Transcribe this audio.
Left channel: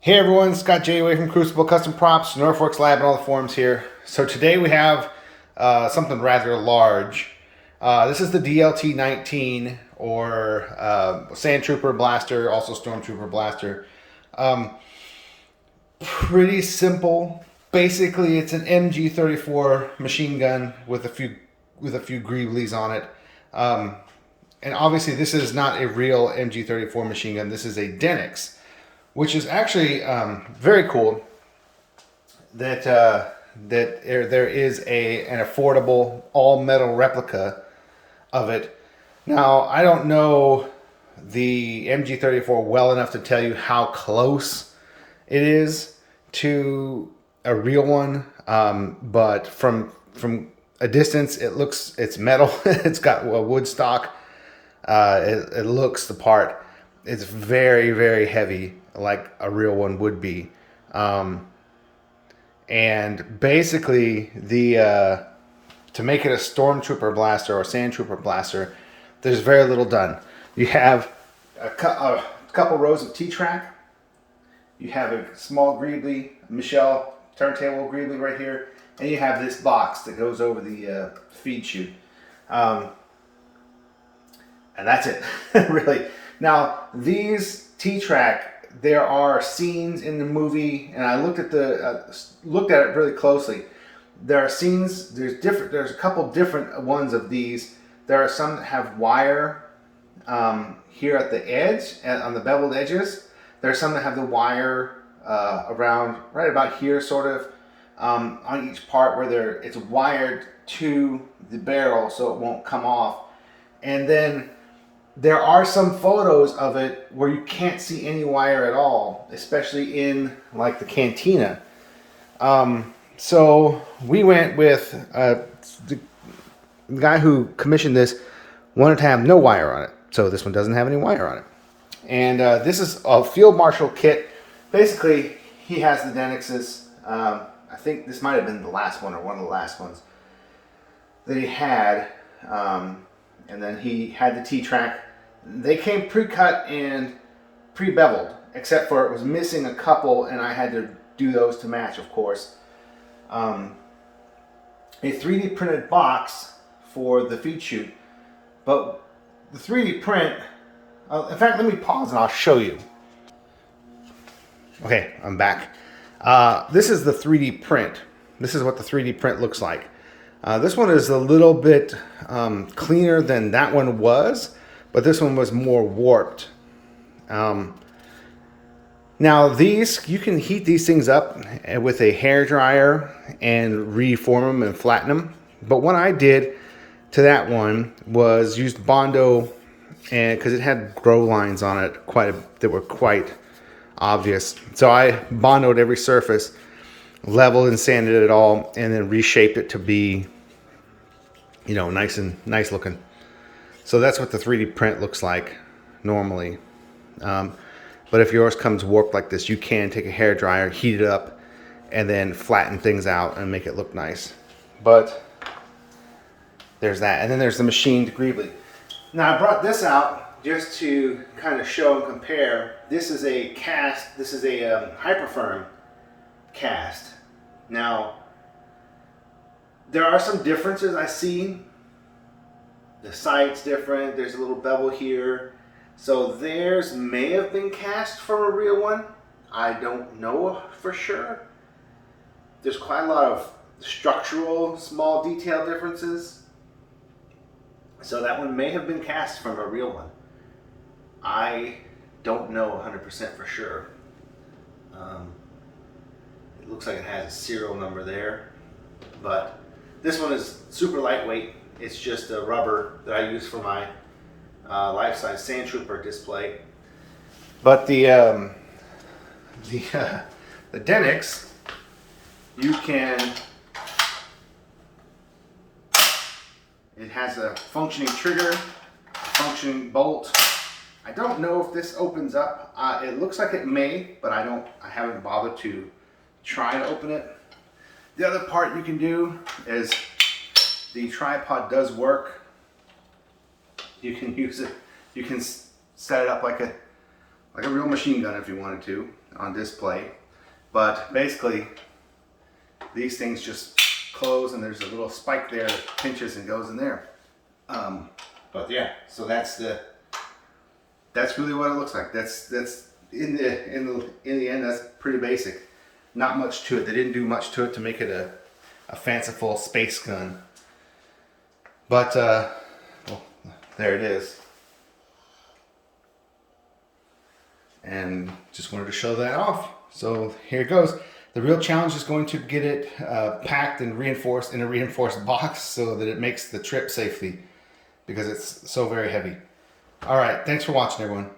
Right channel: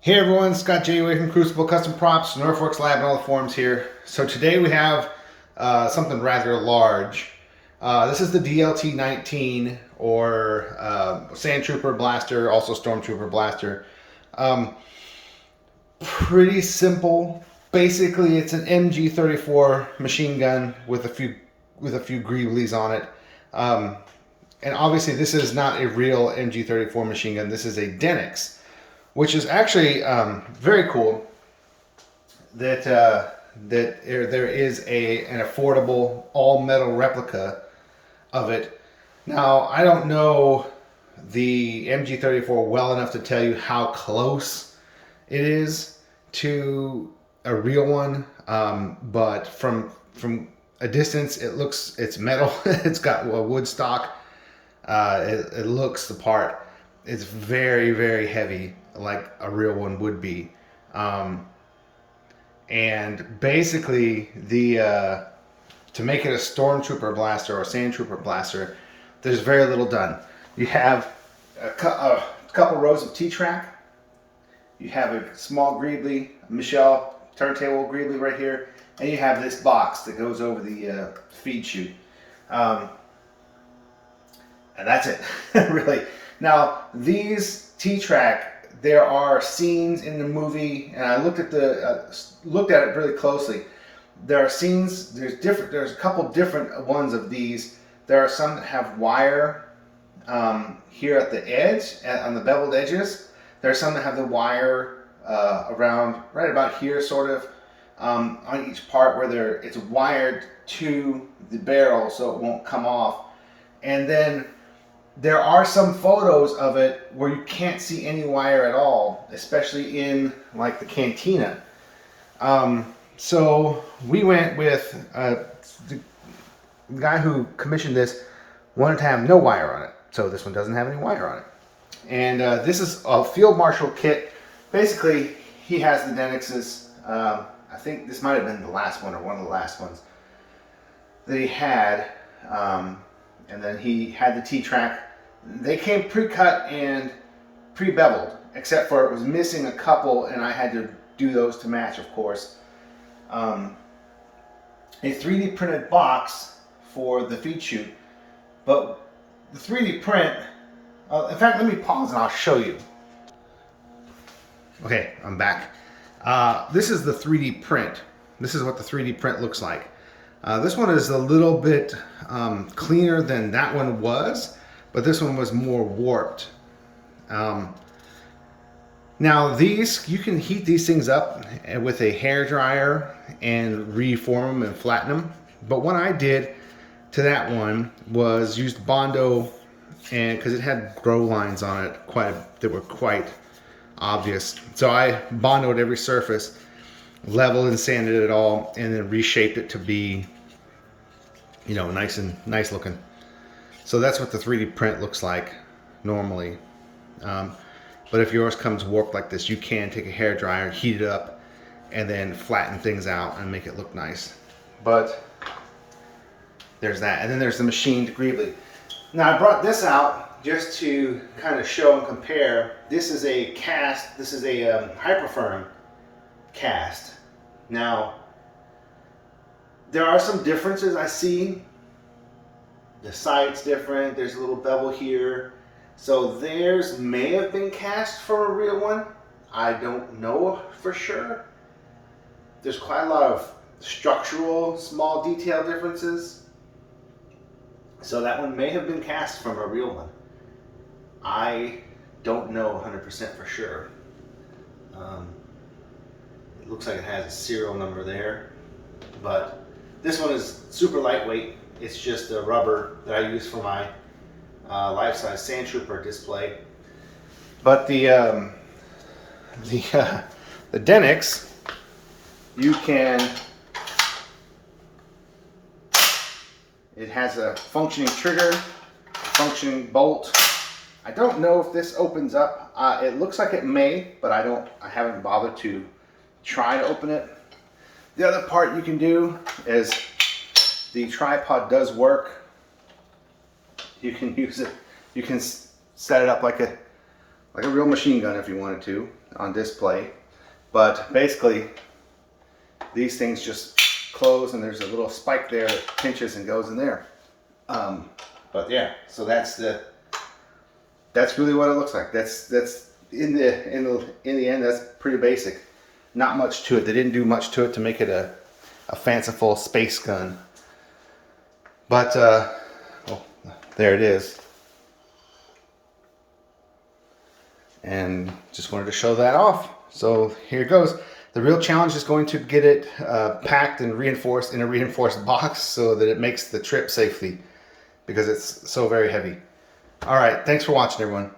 Hey everyone, Scott J. Way from Crucible Custom Props, Northworks Lab, and all the forums here. So today we have something rather large. This is the DLT-19, or Sand Trooper Blaster, also Stormtrooper Blaster. Pretty simple. Basically, it's an MG34 machine gun with a few greeblies on it. And obviously, this is not a real MG34 machine gun. This is a Denix, which is actually very cool that there is an affordable all metal replica of it. Now, I don't know the MG34 well enough to tell you how close it is to a real one, but from a distance, it's metal. It's got a wood stock. It looks the part. It's very, very heavy, like a real one would be. And basically, to make it a Stormtrooper blaster or Sand Trooper blaster, there's very little done. You have a couple rows of T-track. You have a small greebly, Michelle turntable greebly right here, and you have this box that goes over the feed chute. And that's it, really. Now, these T-track, there are scenes in the movie, and I looked at it really closely. There are scenes. There's a couple different ones of these. There are some that have wire here at the edge, on the beveled edges. There are some that have the wire around right about here, sort of on each part where it's wired to the barrel, so it won't come off. And then there are some photos of it where you can't see any wire at all, especially in like the cantina. So we went with the guy who commissioned this wanted to have no wire on it. So this one doesn't have any wire on it. And this is a Field Marshal kit. Basically, he has the Denix's. I think this might have been the last one or one of the last ones that he had. And then he had the T-track. They came pre-cut and pre-beveled, except for it was missing a couple, and I had to do those to match, of course. A 3D printed box for the feed chute, but the 3D print, in fact, let me pause and I'll show you. Okay, I'm back. This is the 3D print. This is what the 3D print looks like. This one is a little bit cleaner than that one was, but this one was more warped. Now these, you can heat these things up with a hair dryer and reform them and flatten them. But what I did to that one was used Bondo, and because it had grow lines on it that were quite obvious. So I Bondoed every surface, leveled and sanded it all, and then reshaped it to be, you know, nice looking. So that's what the 3D print looks like normally. But if yours comes warped like this, you can take a hair dryer, heat it up, and then flatten things out and make it look nice. But there's that. And then there's the machined greebly. Now I brought this out just to kind of show and compare. This is a cast. This is a Hyperfirm cast. Now, there are some differences I see. The sight's different. There's a little bevel here. So theirs may have been cast from a real one. I don't know for sure. There's quite a lot of structural small detail differences. So that one may have been cast from a real one. I don't know 100% for sure. It looks like it has a serial number there, but this one is super lightweight. It's just a rubber that I use for my life-size Sand Trooper display. But the Denix, you can. It has a functioning trigger, functioning bolt. I don't know if this opens up. It looks like it may, but I haven't bothered to try to open it. The other part you can do is the tripod does work. You can use it. You can set it up like like a real machine gun if you wanted to, on display. But basically, these things just close, and there's a little spike there that pinches and goes in there. But yeah, so that's really what it looks like. That's in the end, that's pretty basic. Not much to it. They didn't do much to it to make it a fanciful space gun. But oh, there it is. And just wanted to show that off. So here it goes. The real challenge is going to get it packed and reinforced in a reinforced box so that it makes the trip safely, because it's so very heavy. All right, thanks for watching, everyone.